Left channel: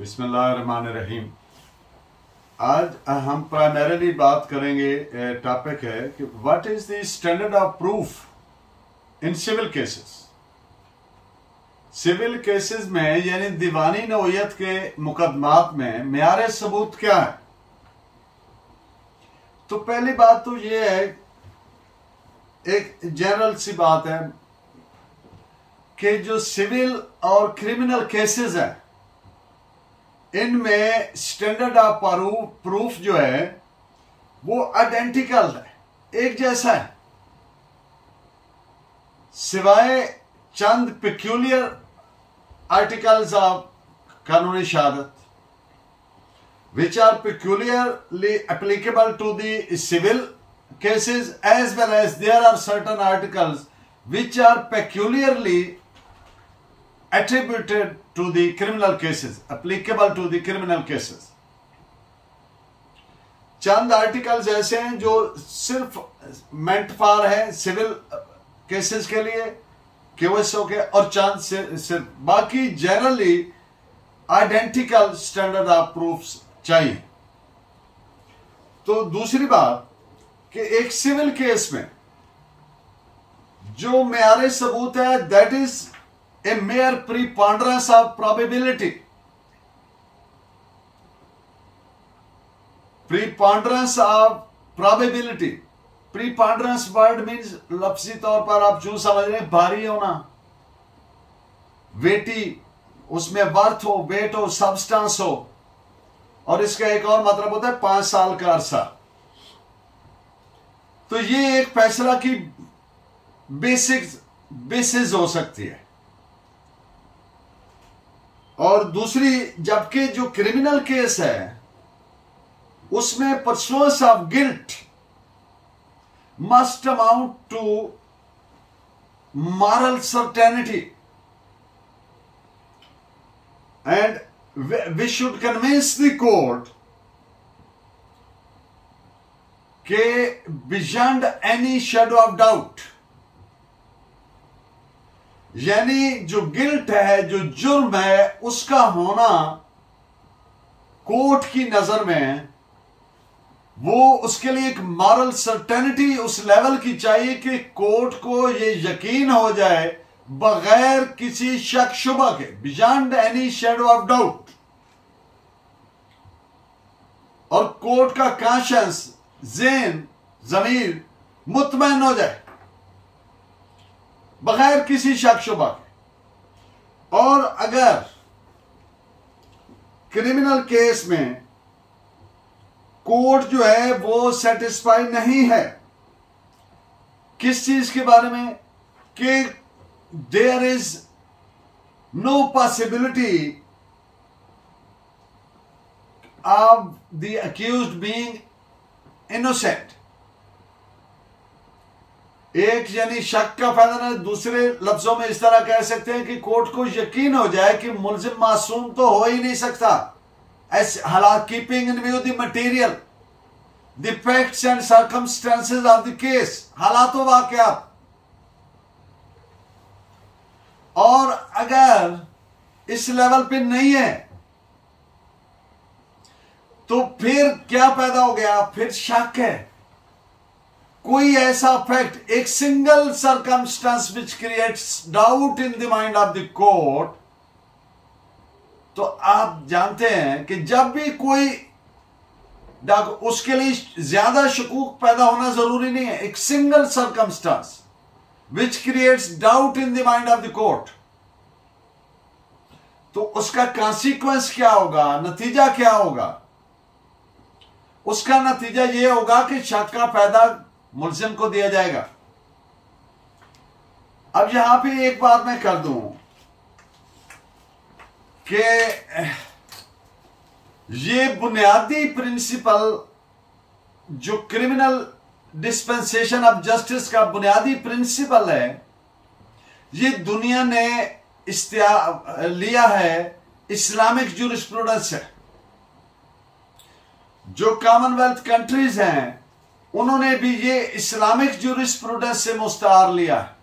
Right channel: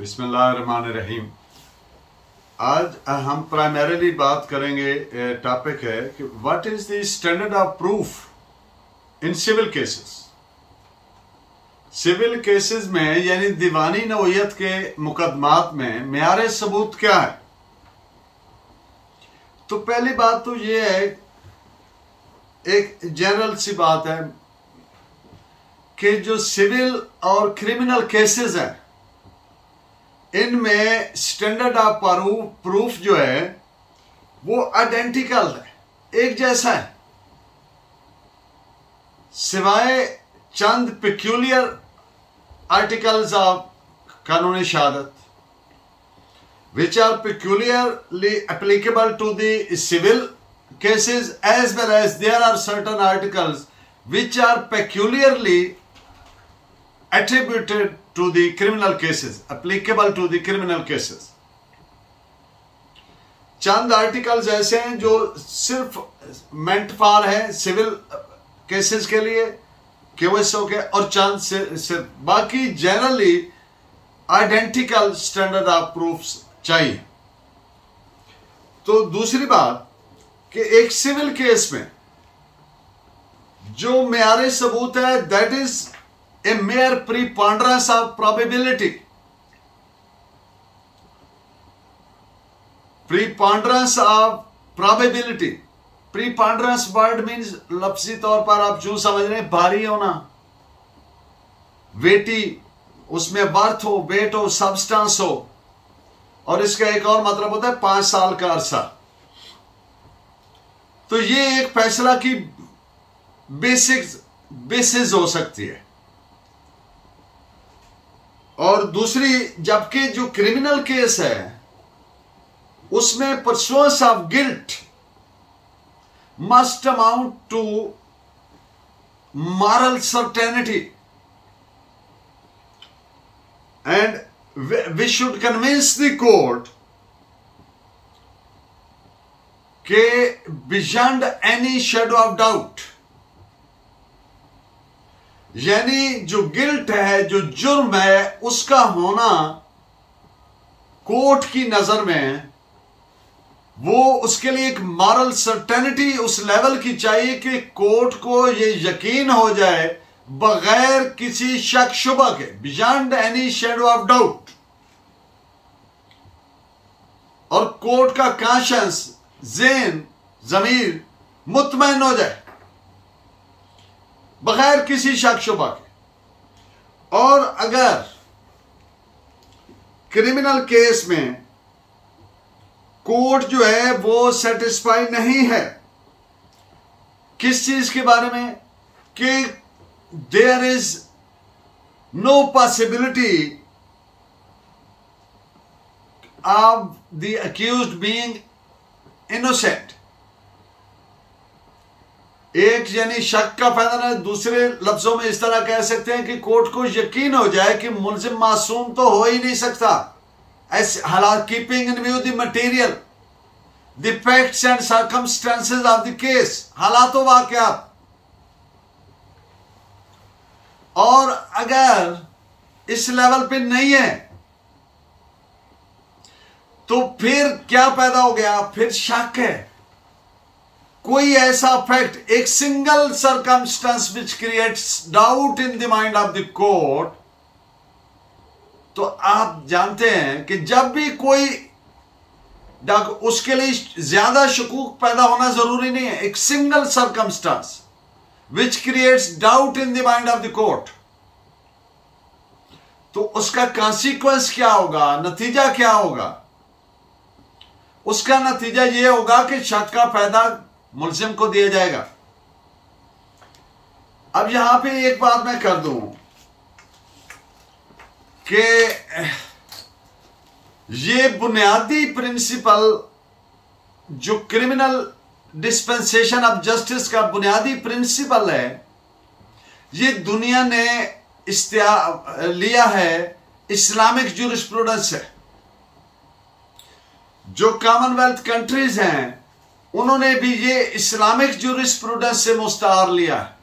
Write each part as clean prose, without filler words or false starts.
बिस्मिल्लाहिर्रहमानिर्रहीम। आज हम प्राइमरीली बात करेंगे, टॉपिक है कि what is the standard of proof in civil cases. Civil cases में यानी दीवानी नौयत के मुकदमात में मेयार सबूत क्या है। तो पहली बात तो ये है, एक जनरल सी बात है कि जो सिविल और क्रिमिनल केसेस हैं इनमें स्टैंडर्ड ऑफ प्रूफ जो है वो आइडेंटिकल है, एक जैसा है, सिवाय चंद पेक्यूलियर आर्टिकल्स ऑफ कानूनी शहादत which are peculiarly applicable to the civil cases, as well as there are certain articles which are peculiarly attributed to the criminal cases, applicable to the criminal cases. Chand articles ऐसे हैं जो सिर्फ meant for है civil cases के लिए, केओएसओ के, और चंद सिर्फ बाकी generally identical standard of proofs चाहिए। तो दूसरी बात कि एक सिविल केस में जो मेयार सबूत है दैट इज ए मेयर preponderance of probability. Preponderance of probability, preponderance word means लफ्जी तौर पर आप जो समझ रहे हैं, भारी होना, वेटी, उसमें वर्थ हो, वेट हो, सब्सटेंस हो, और इसका एक और मतलब होता है 5 साल का अरसा। तो ये एक फैसला की बेसिस हो सकती है। और दूसरी, जबकि जो क्रिमिनल केस है उसमें persuasion of guilt must amount to moral certainty and we should convince the court के beyond any shadow of doubt, यानी जो गिल्ट है, जो जुर्म है, उसका होना कोर्ट की नजर में वो उसके लिए एक मॉरल सर्टेनिटी उस लेवल की चाहिए कि कोर्ट को ये यकीन हो जाए बगैर किसी शक शुबा के, beyond any shadow of doubt, और कोर्ट का कॉन्शियंस, ज़हन, ज़मीर मुतमईन हो जाए बगैर किसी शक शुबा के। और अगर क्रिमिनल केस में कोर्ट जो है वो सेटिस्फाई नहीं है किस चीज के बारे में कि there is no possibility of the accused being innocent, एक यानी शक का फायदा नहीं। दूसरे लफ्जों में इस तरह कह सकते हैं कि कोर्ट को यकीन हो जाए कि मुल्जिम मासूम तो हो ही नहीं सकता, ऐसे हालात, keeping in view the material, the facts and circumstances of the case, हालात व वाकयात। और अगर इस लेवल पे नहीं है तो फिर क्या पैदा हो गया, फिर शक है, कोई ऐसा फैक्ट, एक single circumstance which creates doubt in the mind of the court. तो आप जानते हैं कि जब भी कोई उसके लिए ज्यादा शकूक पैदा होना जरूरी नहीं है, एक single circumstance which creates doubt in the mind of the court, तो उसका consequence क्या होगा, नतीजा क्या होगा? उसका नतीजा यह होगा कि शक का फायदा मुल्जिम को दिया जाएगा। अब यहां पे एक बात मैं कर दूं कि ये बुनियादी प्रिंसिपल जो क्रिमिनल डिस्पेंसेशन ऑफ जस्टिस का बुनियादी प्रिंसिपल है, ये दुनिया ने लिया है इस्लामिक ज्यूरिस्प्रूडेंस से। जो कॉमनवेल्थ कंट्रीज हैं उन्होंने भी ये इस्लामिक ज्यूरिस्प्रूडेंस से मुस्तार लिया है।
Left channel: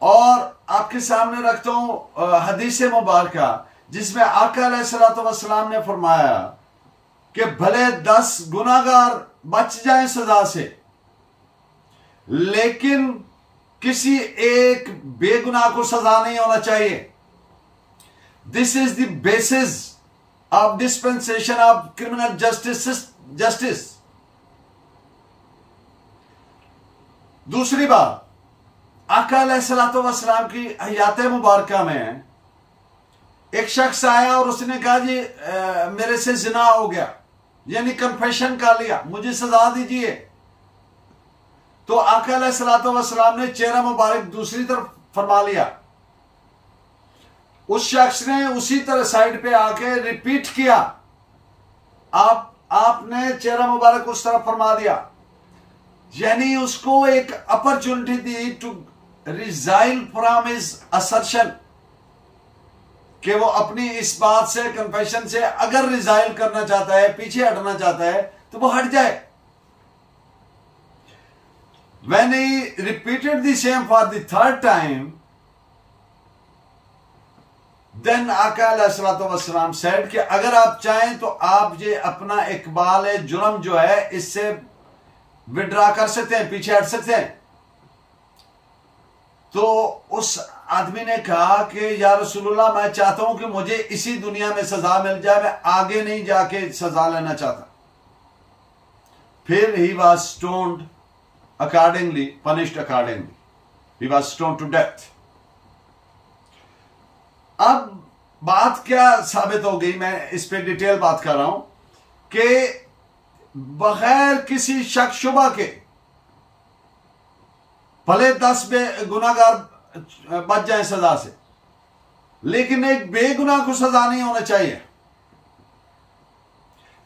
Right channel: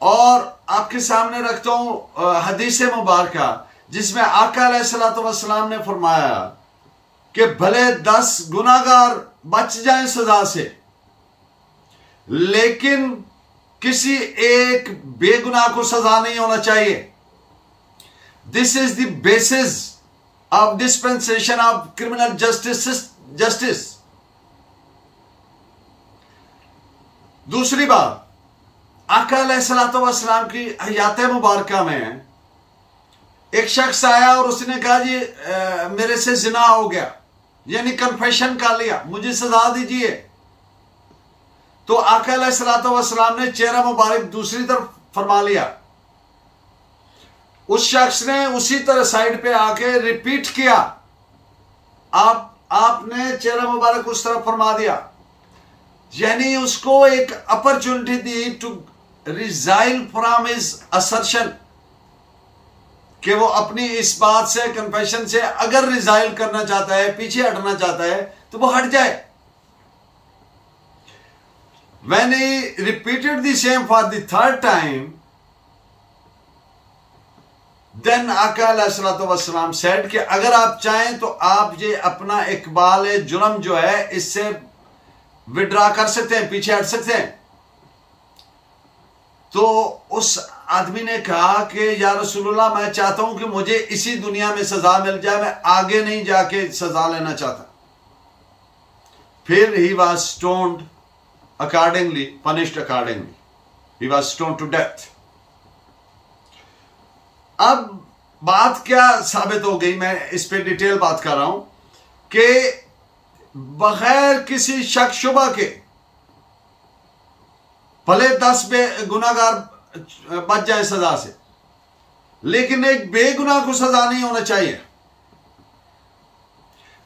और आपके सामने रखता हूं हदीस मुबारका, जिसमें आका अलैहिस्सलाम ने फरमाया कि भले 10 गुनाहगार बच जाएं सजा से, लेकिन किसी एक बेगुनाह को सजा नहीं होना चाहिए। This is the basis of dispensation of criminal justice. दूसरी बात, आका अलैहिस्सलाम की हयात मुबारका में एक शख्स आया और उसने कहा जी मेरे से जिना हो गया, यानी कन्फेशन कर लिया, मुझे सजा दीजिए। तो आका अलैहिस्सलाम ने चेहरा मुबारक दूसरी तरफ फरमा लिया। उस शख्स ने उसी तरह साइड पे आके रिपीट किया, आपने चेहरा मुबारक उस तरफ फरमा दिया, यानी उसको एक अपॉर्चुनिटी दी to resile from his assertion, कि वो अपनी इस बात से, कन्फेशन से अगर रिजाइल करना चाहता है, पीछे हटना चाहता है, तो वो हट जाए। When he repeated the same for the third time, then आका अलैहिस्सलाम said कि अगर आप चाहें तो आप ये अपना इकबाल जुर्म जो है इससे विड्रा कर सकते हैं, पीछे हट सकते हैं। तो उस आदमी ने कहा कि या रसूलुल्लाह, मैं चाहता हूं कि मुझे इसी दुनिया में सजा मिल जाए, मैं आगे नहीं जाके सजा लेना चाहता। फिर he was stoned accordingly, punished accordingly. He was stoned to death. अब बात क्या साबित हो गई, मैं इस पे डिटेल बात कर रहा हूं कि बगैर किसी शक शुबा के भले 10 गुनाहगार बच जाए सजा से, लेकिन एक बेगुनाह को सजा नहीं होना चाहिए।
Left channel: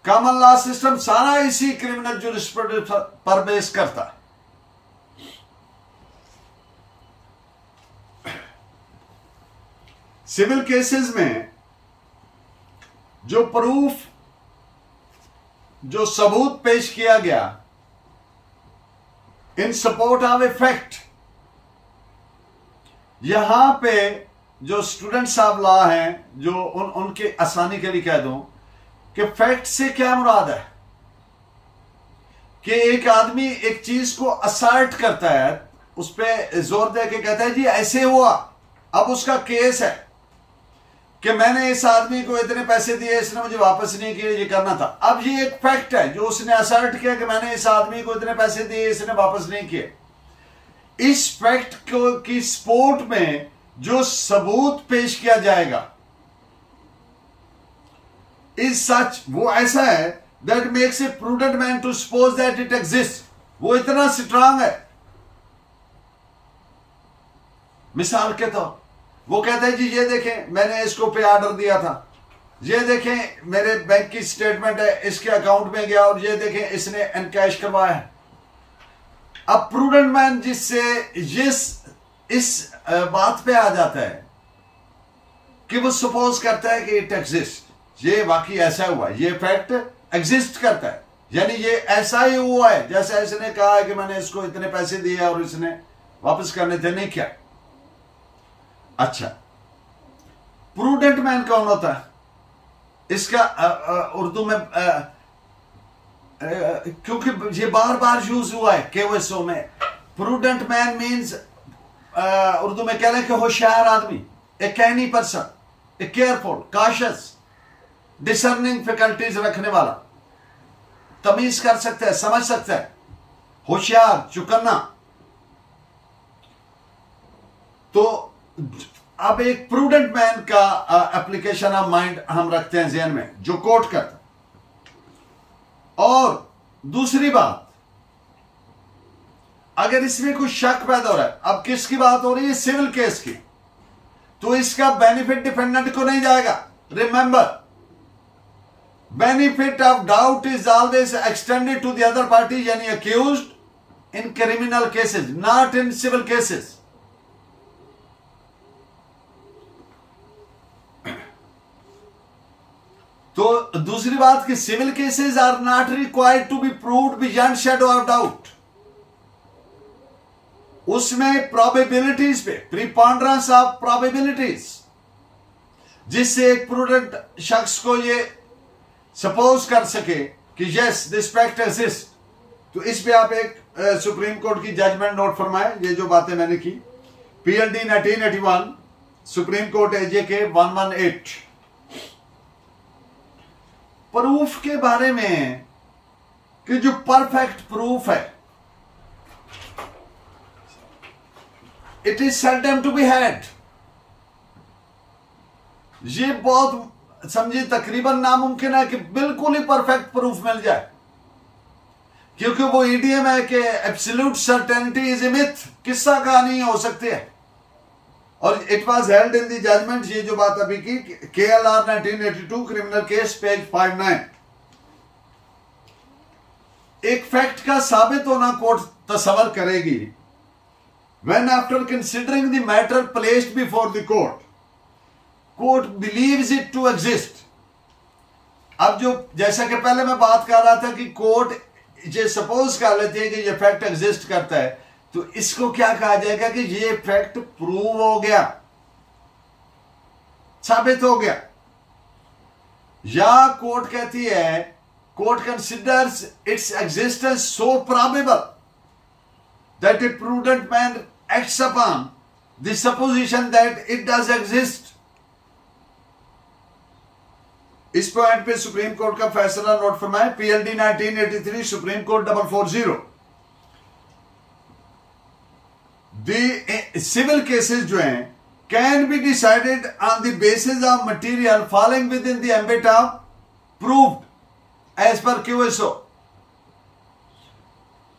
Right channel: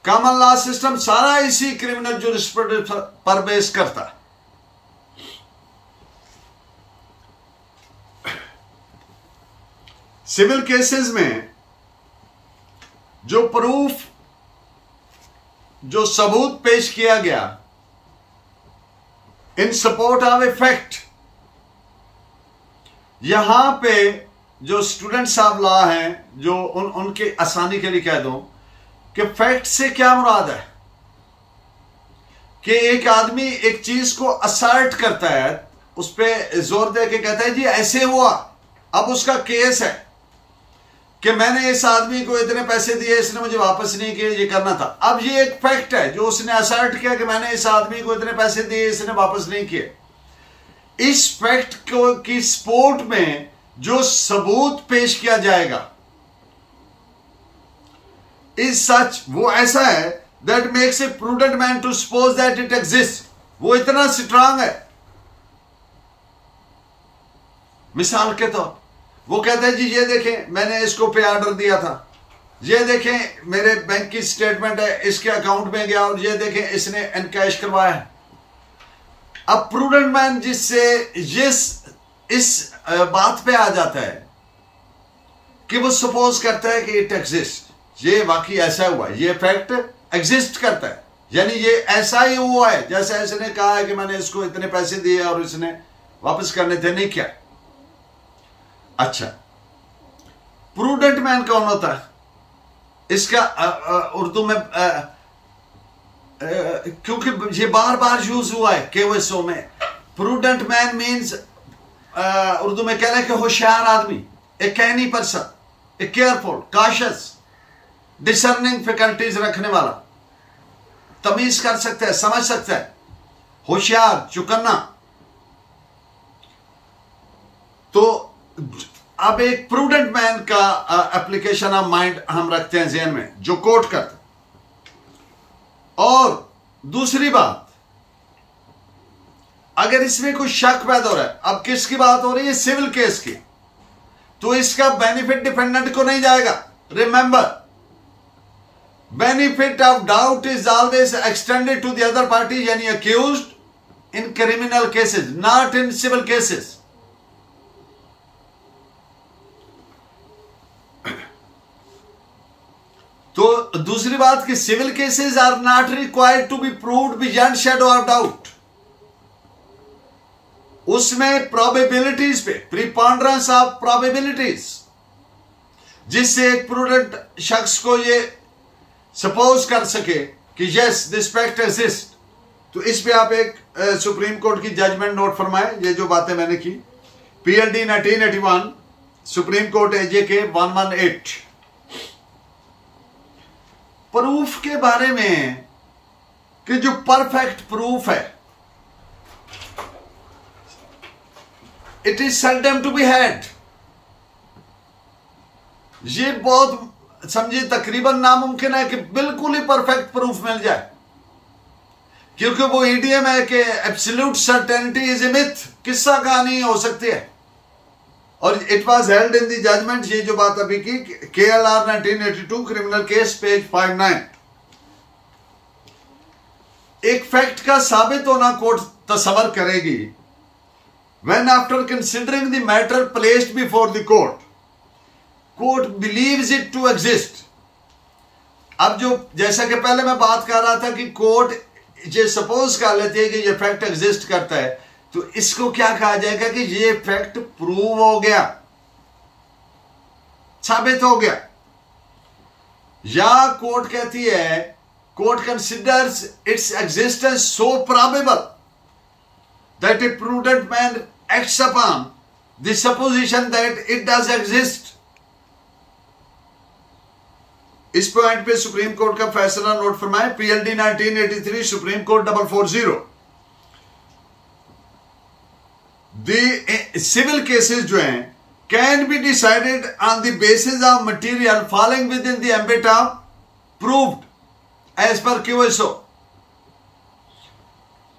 कॉमन लॉ सिस्टम सारा इसी क्रिमिनल जूरिस्प्रूडेंस पर बेस करता है। सिविल केसेस में जो प्रूफ, जो सबूत पेश किया गया इन सपोर्ट ऑफ ए फैक्ट, यहां पे जो स्टूडेंट्स ऑफ लॉ हैं, जो उनके आसानी के लिए कह दूं कि फैक्ट से क्या मुराद है कि एक आदमी एक चीज को असर्ट करता है, उस पर जोर दे के कहता है जी ऐसे हुआ, अब उसका केस है कि मैंने इस आदमी को इतने पैसे दिए, इसने मुझे वापस नहीं किए, ये करना था। अब ये एक फैक्ट है जो उसने असर्ट किया कि मैंने इस आदमी को इतने पैसे दिए, इसने वापस नहीं किए। इस फैक्ट को की सपोर्ट में जो सबूत पेश किया जाएगा इज सच, वो ऐसा है that makes a prudent man to suppose that it exist. वो इतना स्ट्रांग है। मिसाल के तौर वो कहता है जी ये देखें मैंने इसको पे ऑर्डर दिया था, ये देखें मेरे बैंक की स्टेटमेंट है, इसके अकाउंट में गया और ये देखें इसने एनकैश करवाया है। अब प्रूडेंट मैन जिससे इस बात पे आ जाता है कि वो सपोज करता है कि इट एग्जिस्ट, ये वाकई ऐसा हुआ, ये फैक्ट एग्जिस्ट करता है, यानी ये ऐसा ही हुआ है जैसे इसने कहा है कि मैंने इसको इतने पैसे दिए और इसने वापस करने थे, नहीं क्या। अच्छा, प्रूडेंट मैन कौन होता है? इसका उर्दू में क्योंकि ये बार बार यूज हुआ है केवसो में, प्रूडेंट मैन मीन्स उर्दू में कह रहे हैं कि होशियार आदमी, ए कैनी पर्सन, ए केयरफुल, कॉशियस, डिसर्निंग फैकल्टीज रखने वाला, तमीज कर सकता है, समझ सकता है, होशियार, चुकन्ना। तो अब एक प्रूडेंट मैन का एप्लीकेशन ऑफ माइंड हम रखते हैं ज़हन में, जो कोट करता। और दूसरी बात, अगर इसमें कोई शक पैदा हो रहा है, अब किसकी बात हो रही है? सिविल केस की, तो इसका बेनिफिट डिफेंडेंट को नहीं जाएगा। Remember, benefit of doubt is always extended to the other party, यानी accused in criminal cases, not in civil cases. तो दूसरी बात कि civil cases are not required to be proved beyond shadow of doubt. उसमें probabilities पे, preponderance of probabilities, जिससे एक prudent शख्स को ये सपोज कर सके कि यस दिस फैक्ट एग्जिस्ट। तो इस पे आप एक सुप्रीम कोर्ट की जजमेंट नोट फरमाए, ये जो बातें मैंने की। PLD 1981 supreme court AJK 118। Proof के बारे में कि जो परफेक्ट प्रूफ है, it is seldom to be had. ये बहुत समझिए तकरीबन नामुमकिन है कि बिल्कुल ही परफेक्ट प्रूफ मिल जाए, क्योंकि वो ईडीएम है कि absolute certainty is a myth, किस्सा कहानी हो सकती है। और it was held in the judgment, ये जो बात अभी की, KLR 1982 क्रिमिनल केस पेज 59। एक फैक्ट का साबित होना कोर्ट तस्वर करेगी when after considering the matter placed before the court believes it to exist। अब जो जैसा कि पहले मैं बात कर रहा था कि कोर्ट ये सपोज कर लेती है कि ये फैक्ट एग्जिस्ट करता है, तो इसको क्या कहा जाएगा कि ये फैक्ट प्रूव हो गया, साबित हो गया। या कोर्ट कहती है, court considers its existence so probable that a prudent man acts upon the supposition that it does exist। इस पॉइंट पे सुप्रीम कोर्ट का फैसला नोट फरमाए। PLD 1983 supreme court 440। Civil cases जो हैं can be decided on the basis of material falling within the ambit of proved as per QSO।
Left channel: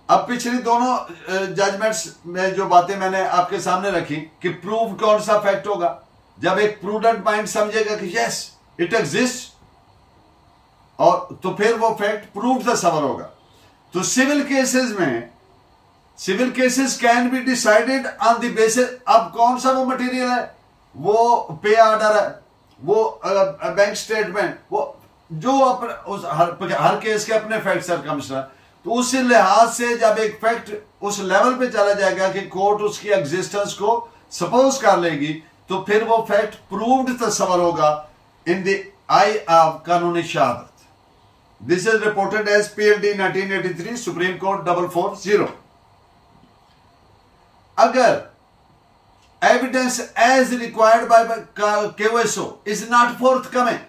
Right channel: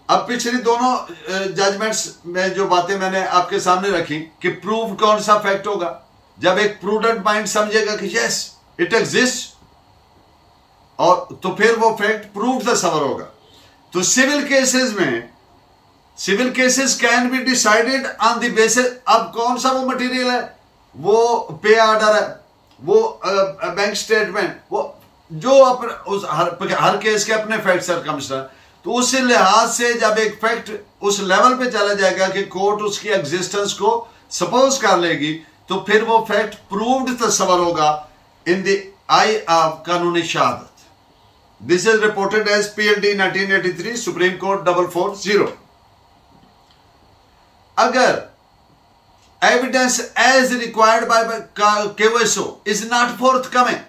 अब पिछली दोनों जजमेंट्स में जो बातें मैंने आपके सामने रखी कि प्रूव कौन सा फैक्ट होगा, जब एक प्रूडेंट माइंड समझेगा कि यस इट एग्जिस्ट, और तो फिर वो फैक्ट प्रूव तस्वर होगा। तो सिविल केसेस में, civil cases can be decided on the basis, अब कौन सा वो मटेरियल है, वो पे ऑर्डर है, वो बैंक स्टेटमेंट, वो जो अपने उस हर केस के अपने फैक्ट सर्कमस्टेंस। तो उस लिहाज से जब एक फैक्ट उस लेवल पे चला जाएगा कि कोर्ट उसकी एग्जिस्टेंस को सपोज कर लेगी, तो फिर वो फैक्ट प्रूव्ड तस्वर होगा इन द आई ऑफ कानूनी शहादत। This is reported as PLD 1983 supreme court 440। अगर evidence as required by QSO is not forthcoming,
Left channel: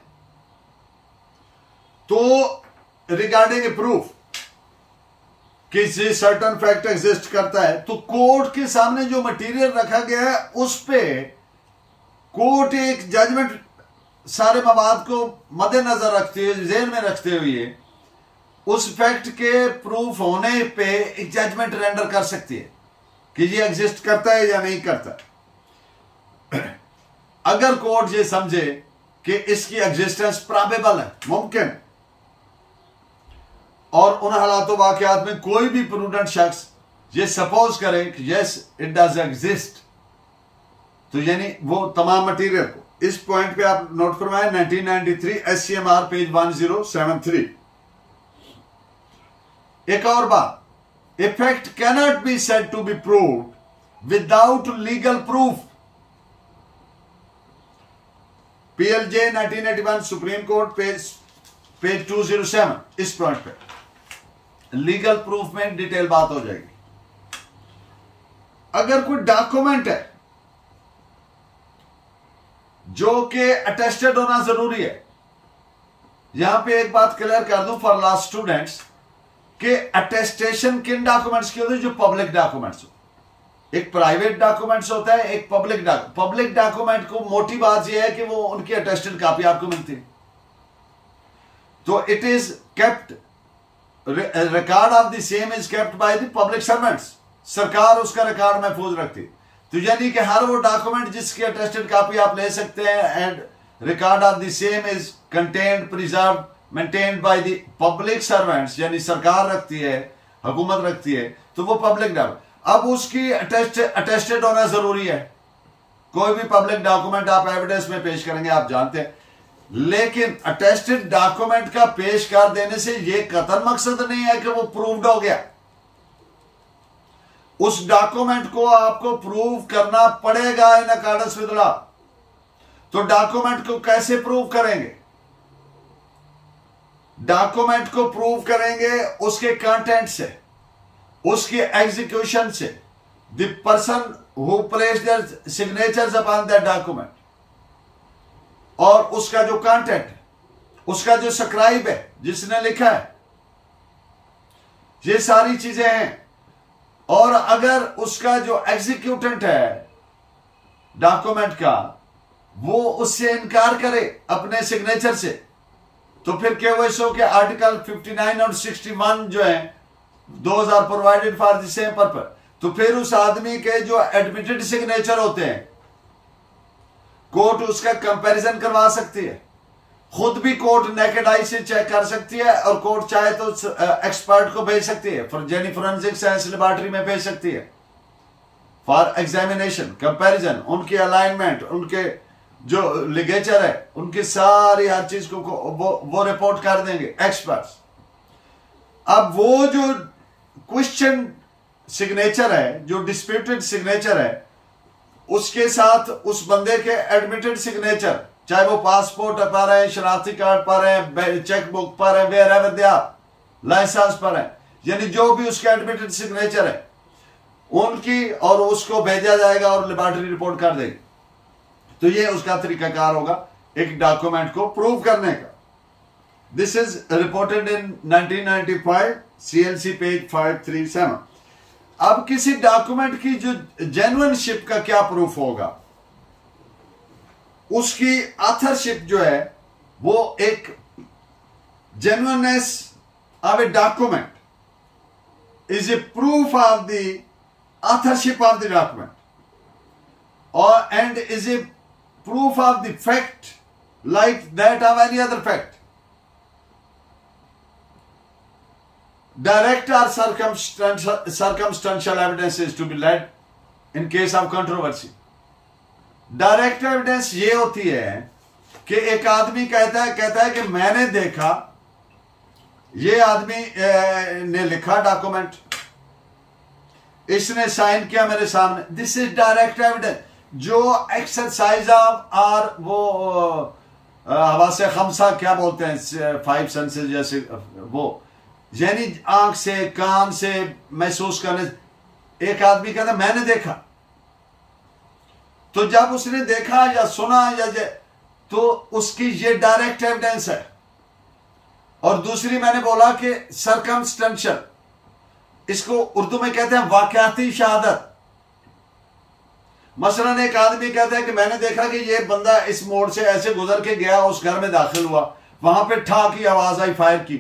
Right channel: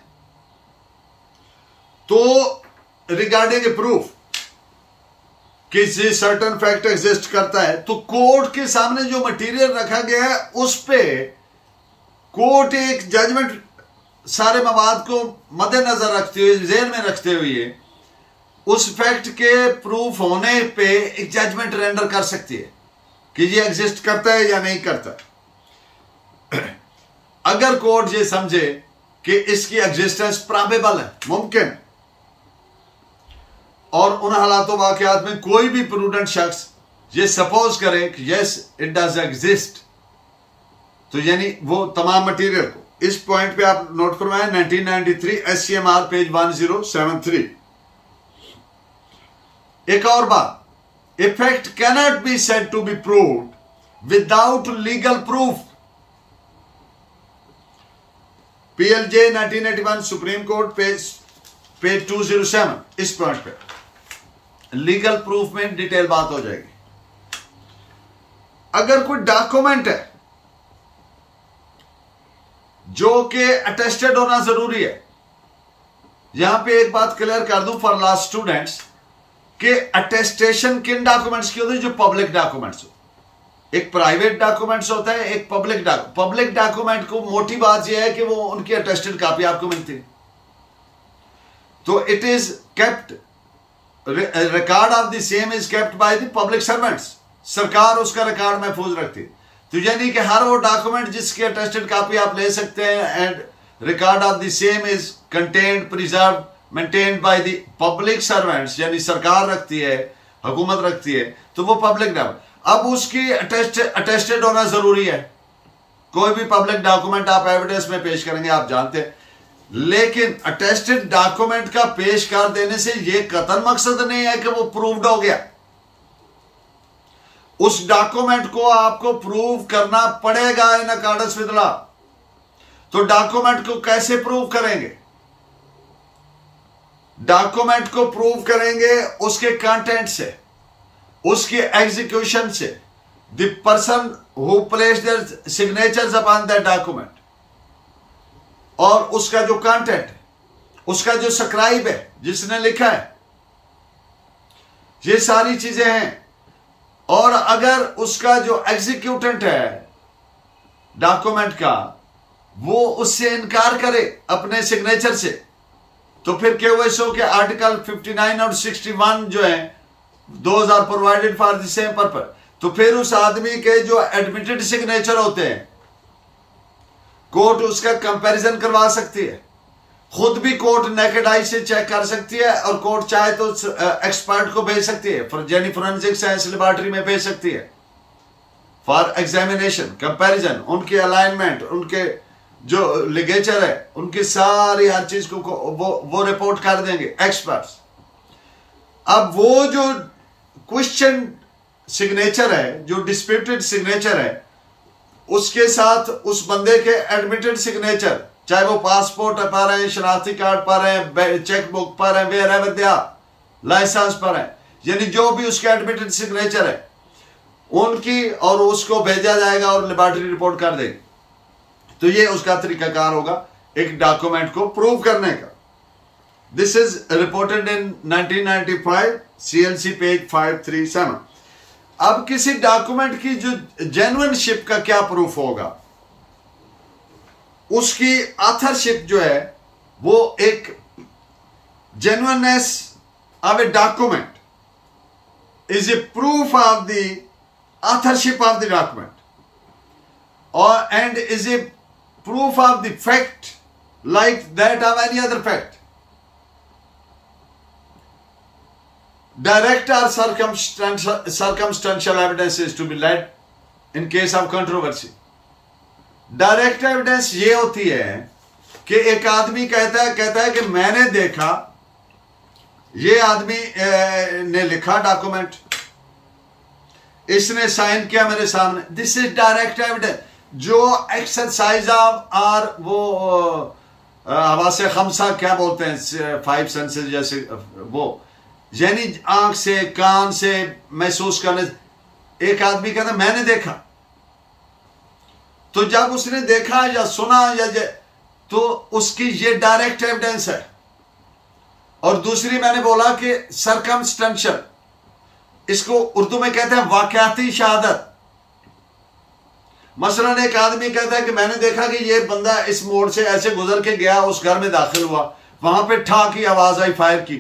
तो रिगार्डिंग ए प्रूफ किसी सर्टन फैक्ट एग्जिस्ट करता है, तो कोर्ट के सामने जो मटेरियल रखा गया है उस पे कोर्ट एक जजमेंट सारे मवाद को मद्देनजर रखते हुए, ज़हन में रखते हुए, उस फैक्ट के प्रूफ होने पे एक जजमेंट रेंडर कर सकती है कि ये एग्जिस्ट करता है या नहीं करता। अगर कोर्ट ये समझे कि इसकी एग्जिस्टेंस प्रोबेबल है, मुमकिन है, और उन हालातों वाकयात में कोई भी प्रूडेंट शख्स ये सपोज करे कि यस इट डज एग्जिस्ट, तो यानी वो तमाम मटेरियल को, इस पॉइंट पे आप नोट फरमाएं 1993 SCMR पेज 1073। एक और बात, a fact cannot be said to be proved without legal proof. PLJ 1981 supreme court page 207। इस पॉइंट पे लीगल प्रूफ में डिटेल बात हो जाएगी। अगर कोई डॉक्यूमेंट है जो कि अटेस्टेड होना जरूरी है, यहां पे एक बात क्लियर कर दूं फॉर लास्ट स्टूडेंट्स कि अटेस्टेशन किन डॉक्यूमेंट्स की होती है, जो पब्लिक डॉक्यूमेंट्स हो। एक प्राइवेट डॉक्यूमेंट्स होता है, एक पब्लिक डॉक्यूमेंट को मोटी बात यह है कि वो उनकी अटेस्टेड कॉपी आपको मिलती है। तो it is kept, record of the same is kept by the public servants. सरकार उसका रिकॉर्ड महफूज रखती है। तो यानी कि हर वो डॉक्यूमेंट जिसकी अटेस्टेड कॉपी आप ले सकते हैं and record of the same is contained, preserve, maintained by the public servants, यानी सरकार रखती है, हुकूमत रखती है, तो वो पब्लिक डॉक्यूमेंट। अब उसकी अटेस्टेड होना जरूरी है। कोई भी पब्लिक डॉक्यूमेंट आप एविडेंस में पेश करेंगे, आप जानते हैं, लेकिन अटेस्टेड डॉक्यूमेंट का पेश कर देने से यह कतई मकसद नहीं है कि वो प्रूव्ड हो गया। उस डॉक्यूमेंट को आपको प्रूव करना पड़ेगा इन अकॉर्डेंस विद लॉ। तो डॉक्यूमेंट को कैसे प्रूव करेंगे? डॉक्यूमेंट को प्रूव करेंगे उसके कंटेंट से, उसके एग्जीक्यूशन से, the person who place their signatures upon that document, और उसका जो कंटेंट है, उसका जो सब्सक्राइब है, जिसने लिखा है, ये सारी चीजें हैं। और अगर उसका जो एग्जीक्यूटेंट है डॉक्यूमेंट का, वो उससे इनकार करे अपने सिग्नेचर से, तो फिर KOSO के आर्टिकल 59 और 61 जो है, those are provided for the same purpose. तो फिर उस आदमी के जो एडमिटेड सिग्नेचर होते हैं, कोर्ट उसका कंपैरिजन करवा सकती है, खुद भी कोर्ट नेकेड आई से चेक कर सकती है, और कोर्ट चाहे तो एक्सपर्ट को भेज सकती है, यानी फोरेंसिक साइंस लेबोरेटरी में भेज सकती है फॉर एग्जामिनेशन, कंपैरिजन, उनकी अलाइनमेंट, उनके जो लिगेचर है, उनकी सारी हर चीज को वो रिपोर्ट कर देंगे एक्सपर्ट्स। अब वो जो क्वेश्चन सिग्नेचर है, जो डिस्प्यूटेड सिग्नेचर है, उसके साथ उस बंदे के एडमिटेड सिग्नेचर, चाहे वो पासपोर्ट पा रहे हैं, शनाख्ती कार्ड पा रहे हैं, चेक बुक पा रहे हैं, वेयर दे आर, लाइसेंस पा रहे हैं, यानी जो भी उसके एडमिटेड सिग्नेचर है उनकी, और उसको भेजा जाएगा और लेबोरेटरी रिपोर्ट कर देगी। तो ये उसका तरीकाकार होगा एक डॉक्यूमेंट को प्रूव करने का। This is reported in 1995 CLC page 537। अब किसी डॉक्यूमेंट की जो जेन्युइनशिप का क्या प्रूफ होगा? उसकी ऑथरशिप जो है, वो एक genuineness of a document is a proof of the authorship of the document, और and is a proof of the fact like that of any other fact. Direct or circumstantial evidence is to be led in case of controversy. Direct evidence ये होती है कि एक आदमी कहता है कि मैंने देखा, ये आदमी ने लिखा डॉक्यूमेंट, इसने साइन किया मेरे सामने, दिस इज डायरेक्ट एविडेंस। जो एक्सरसाइज ऑफ और वो हवासे खमसा क्या बोलते हैं, 5 सेंसेस जैसे, वो यानी आंख से, कान से महसूस करने, एक आदमी कहता मैंने देखा, तो जब उसने देखा या सुना तो उसकी ये डायरेक्ट एविडेंस है। और दूसरी मैंने बोला कि सरकमस्टेंशियल, इसको उर्दू में कहते हैं वाकयाती शहादत। मसलन एक आदमी कहता है कि मैंने देखा कि ये बंदा इस मोड़ से ऐसे गुजर के गया, उस घर में दाखिल हुआ, वहां पे ठा की आवाज आई, फायर की,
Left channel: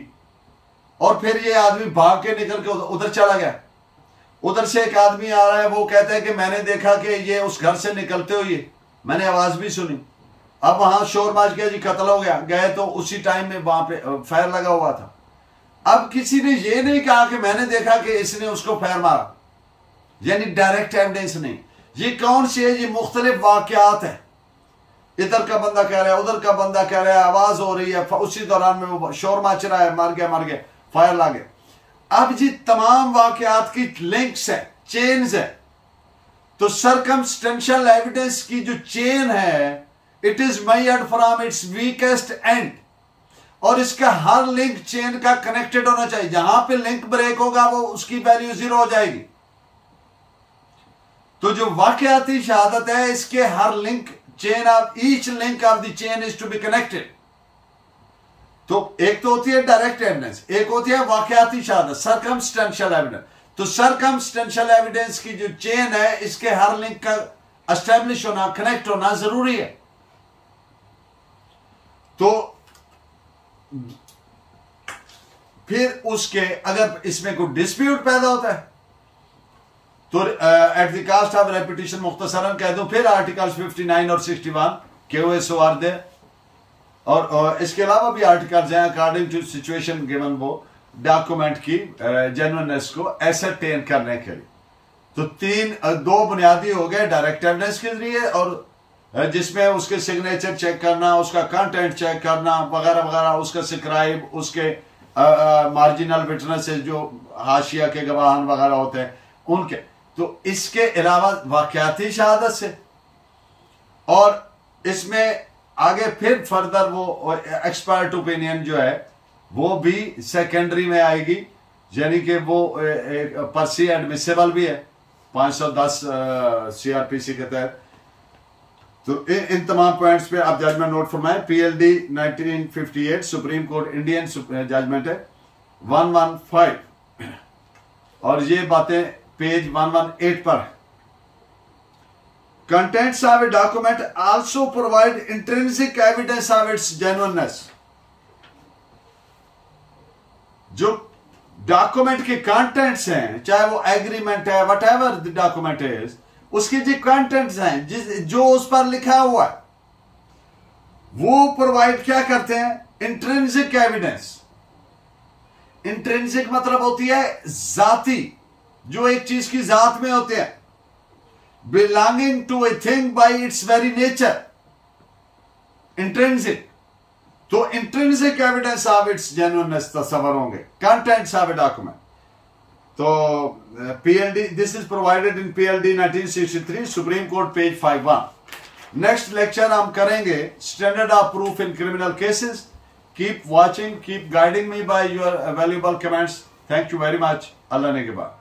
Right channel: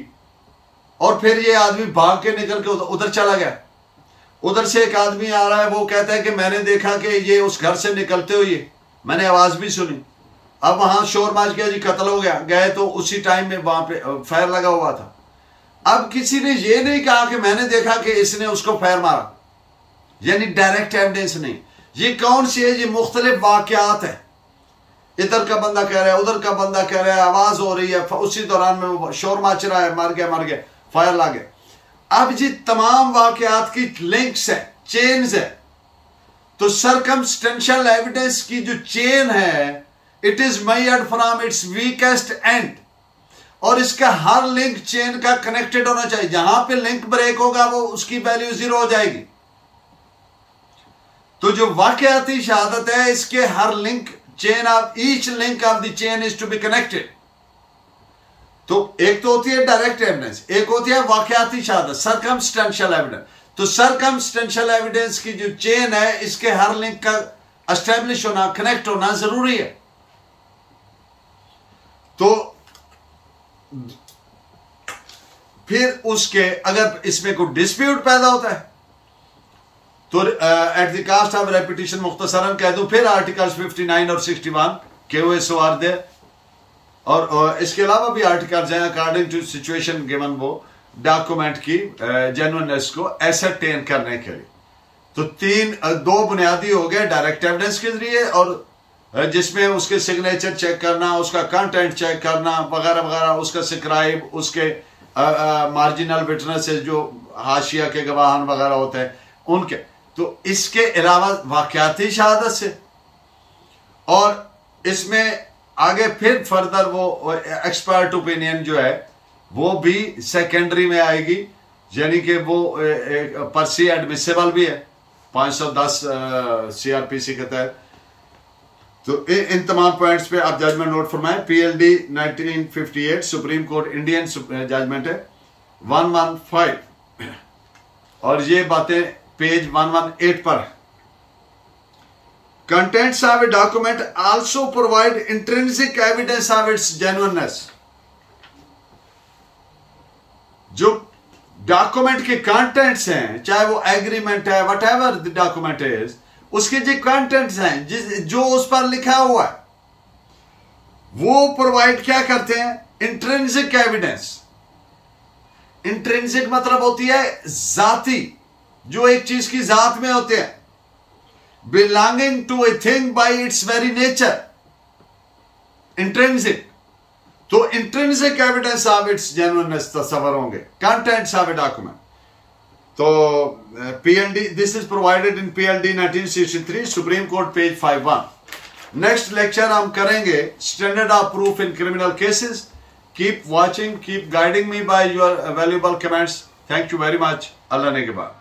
और फिर ये आदमी भाग के निकल के उधर चला गया। उधर से एक आदमी आ रहा है, वो कहता है कि मैंने देखा कि ये उस घर से निकलते हुए मैंने आवाज भी सुनी, अब वहां शोर मच गया जी, कत्ल हो गया। गए तो उसी टाइम में वहां पे फायर लगा हुआ था। अब किसी ने ये नहीं कहा कि मैंने देखा कि इसने उसको फायर मारा, यानी डायरेक्ट एविडेंस नहीं। ये कौन सी है? ये मुख्तलिफ वाकयात है, इधर का बंदा कह रहा है, उधर का बंदा कह रहा है, आवाज हो रही है, उसी दौरान में वो शोर मच रहा है, मर गया, फायर लग गया। अब जी तमाम वाकयात की लिंक्स है, चेन्स है। तो सरकमस्टेंशियल एविडेंस की जो चेन है, it is measured from its weakest and, और इसका हर लिंक चेन का कनेक्टेड होना चाहिए। जहां पे लिंक ब्रेक होगा वो उसकी वैल्यू 0 हो जाएगी। तो जो वाकयाती शहादत है, इसके हर link, chain of each link of the chain is to be connected. तो एक तो होती है डायरेक्ट एविडेंस, एक होती है वाकयाती शहादत, सरकमस्टेंशियल एविडेंस। तो सरकमस्टेंशियल एविडेंस की जो चेन है, इसके हर लिंक का एस्टेब्लिश होना, कनेक्ट होना जरूरी है। तो फिर उसके अगर इसमें कोई डिस्प्यूट पैदा होता है तो at the cost of repetition मुख्तसरन कह दूं, फिर आर्टिकल्स 59 और 61 KOSO आर देयर, और इसके अलावा भी आर्टिकल्स हैं अकॉर्डिंग टू सिचुएशन गिवन, वो डॉक्यूमेंट की जेन्युइननेस को एसरटेन करने के लिए। तो दो बुनियादी हो गए, डायरेक्ट एविडेंस के जरिए, और जिसमें उसके सिग्नेचर चेक करना, उसका कंटेंट चेक करना वगैरह वगैरह, उसका सब्सक्राइब, उसके मार्जिनल विटनेसेस जो हाशिया के गवाहान वगैरह होते हैं उनके। तो इसके अलावा वाकयाती शहादत से, और इसमें आगे फिर फर्दर वो एक्सपर्ट ओपिनियन जो है वो भी सेकेंडरी में आएगी, यानी कि वो पर्सी एडमिसेबल भी है 510 CRPC के तहत। तो इन तमाम पॉइंट्स पे आप जजमेंट नोट फरमाएं। PLD 1958 Supreme Court Indian judgment है 115, और ये बातें पेज 118 पर। Contents of a document also provide intrinsic evidence of its genuineness। जो डॉक्यूमेंट के कंटेंट्स हैं, चाहे वो एग्रीमेंट है, what ever the document is, उसके जो कंटेंट्स हैं जो उस पर लिखा हुआ है वो प्रोवाइड क्या करते हैं? Intrinsic evidence. इंट्रिंसिक मतलब होती है जाती, जो एक चीज की जात में होते हैं, belonging to a thing by its very nature, intrinsic। तो intrinsic evidence of its genuineness तस्वर होंगे contents of a document। तो PLD, this is provided in PLD 1963 Supreme Court page 51। Next lecture हम करेंगे standard of proof in criminal cases। keep watching, keep guiding me by your valuable comments। thank you very much। अल्लाह ने के बाद।